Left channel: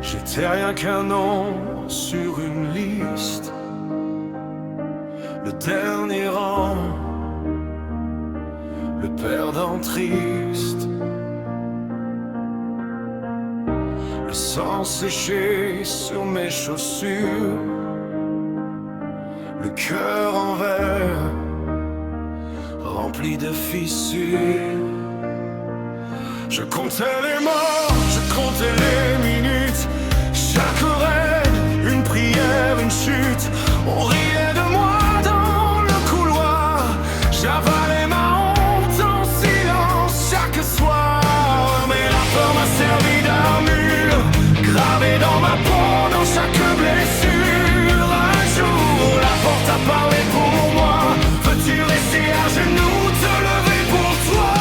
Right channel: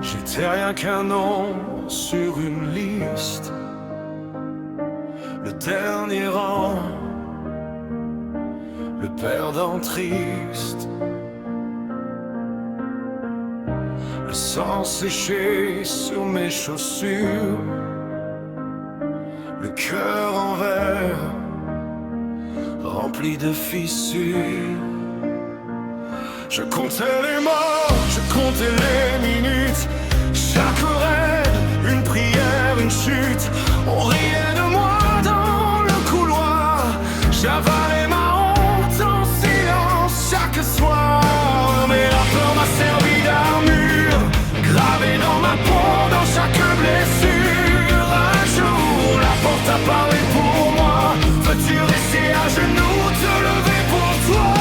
J'étais rien qu'un nom sur une liste, le dernier rang, le perdant triste. Le sang séché sur mes chaussures, le cœur en verre, rempli de fissures. Je comptais les morts, je comptais les minutes, chaque raid, une prière, une chute. On riait de moi dans le couloir, j'avalais ma honte en silence chaque soir. Mais la peur m'a servi d'armure, gravée dans ma peau, dans chaque blessure. Un jour, la porte a parlé pour moi. Veux-tu rester à genoux, te lever pour toi?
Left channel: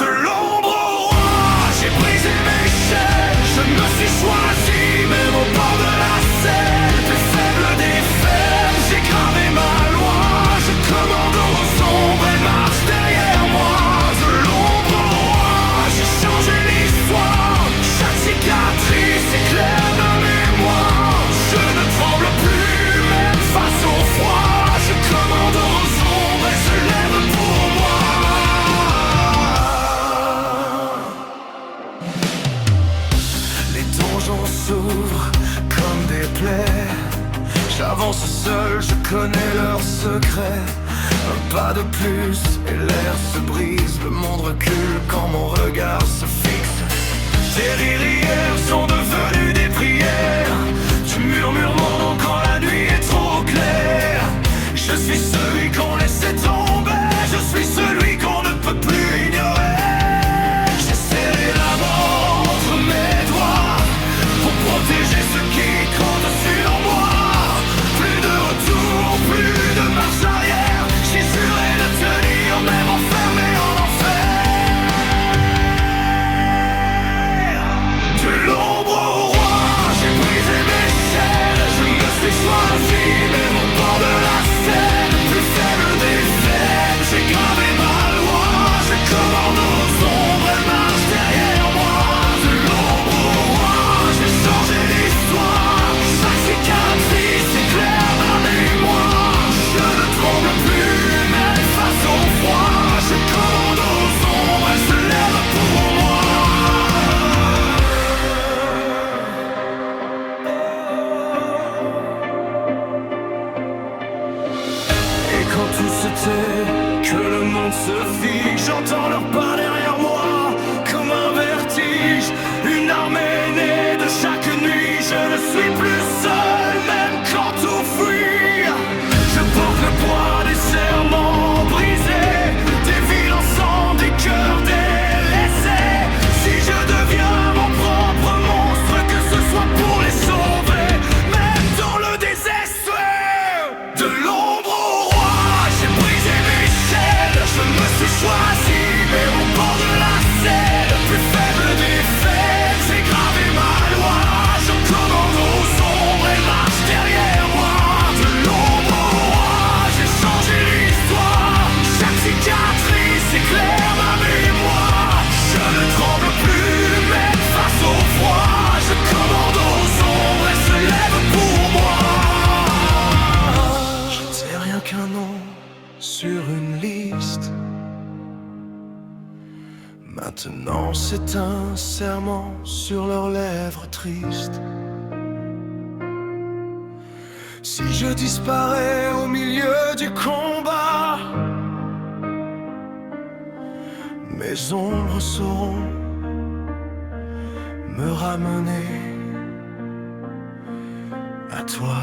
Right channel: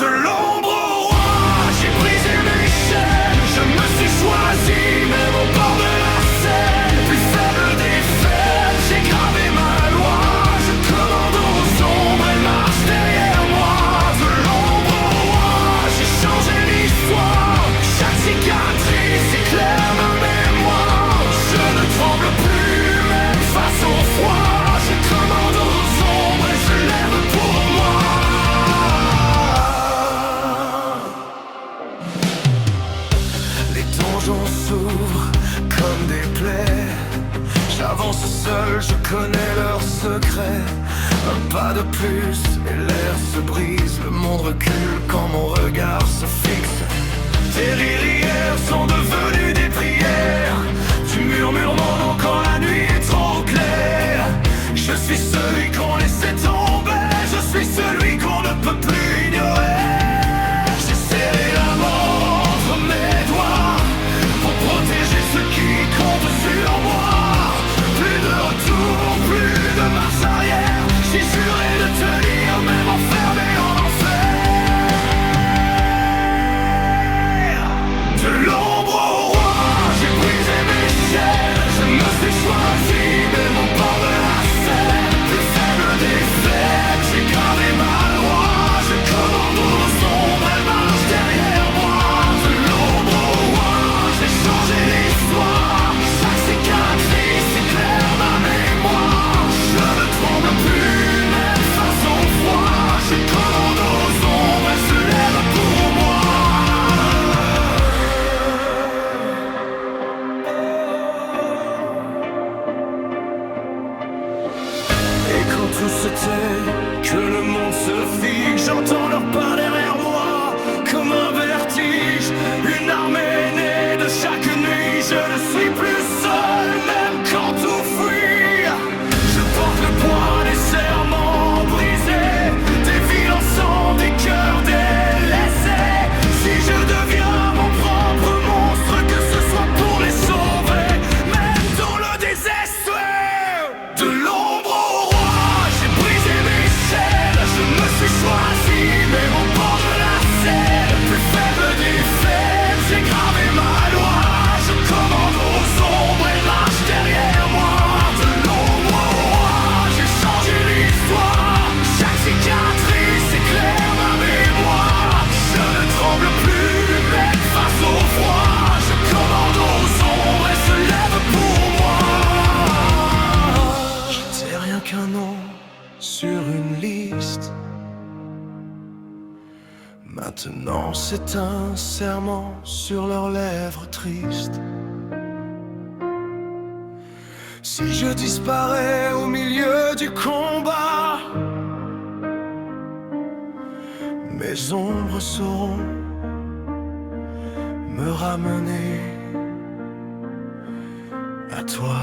De l'ombre au roi, j'ai brisé mes chaînes. Je me suis choisi, même au bord de la Seine. Plus faible des faibles, j'ai gravé ma loi. Je commande aux ombres, elles marchent derrière moi. De l'ombre au roi, j'ai changé l'histoire. Chaque cicatrice éclaire ma mémoire. Je ne tremble plus, même face au froid. Je commande aux ombres, elles se lèvent pour moi. Les donjons s'ouvrent comme des plaies. J'avance seul, je connais leurs secrets. Un pas de plus et l'air se brise. Le monde recule quand mon regard se fixe. Tes rires hier sont devenus des prières. Tu murmures mon nom quand la nuit est trop claire. Je suis celui qu'on laissait tomber. Je suis celui qu'on ne peut plus ignorer. J'ai serré la mort entre mes doigts pour protéger ceux qui comptent sur moi. Plus de retour, plus de marche arrière. J'ai juré de tenir, même enfermé en enfer. De l'ombre au roi, j'ai brisé mes chaînes. Je me suis choisi, même au bord de la Seine. Plus faible des faibles, j'ai gravé ma loi. Je commande aux ombres, elles marchent derrière moi. De l'ombre au roi, j'ai changé l'histoire. Chaque cicatrice éclaire ma mémoire. Je ne tremble plus, même face au froid. Je commande aux ombres, elles se lèvent pour moi. Et quand tout se tait, que le monde se fiche, j'entends leurs pas derrière moi, comme un vertige. Une armée née de chaque nuit, je ne suis plus seul, même quand tout fuit. Je porte le poids des serments brisés, des villes en sang, des cœurs délaissés. Si je deviens mon propre monstre, que ce soit pour les sauver, même dans le désespoir. De l'ombre au roi, j'ai brisé mes chaînes. Je me suis choisi, même au bord de la Seine. Plus faible des faibles, j'ai gravé ma loi. Je commande aux ombres, elles marchent derrière moi. De l'ombre au roi, j'ai changé l'histoire. Chaque cicatrice éclaire ma mémoire. Je ne tremble plus, même face au froid. Je commande aux ombres, elles se lèvent pour moi. J'étais rien qu'un nom sur une liste. Maintenant c'est un serment sur leurs lèvres tristes. Si je disparais au milieu du combat, mes ombres sauront me ramener à toi.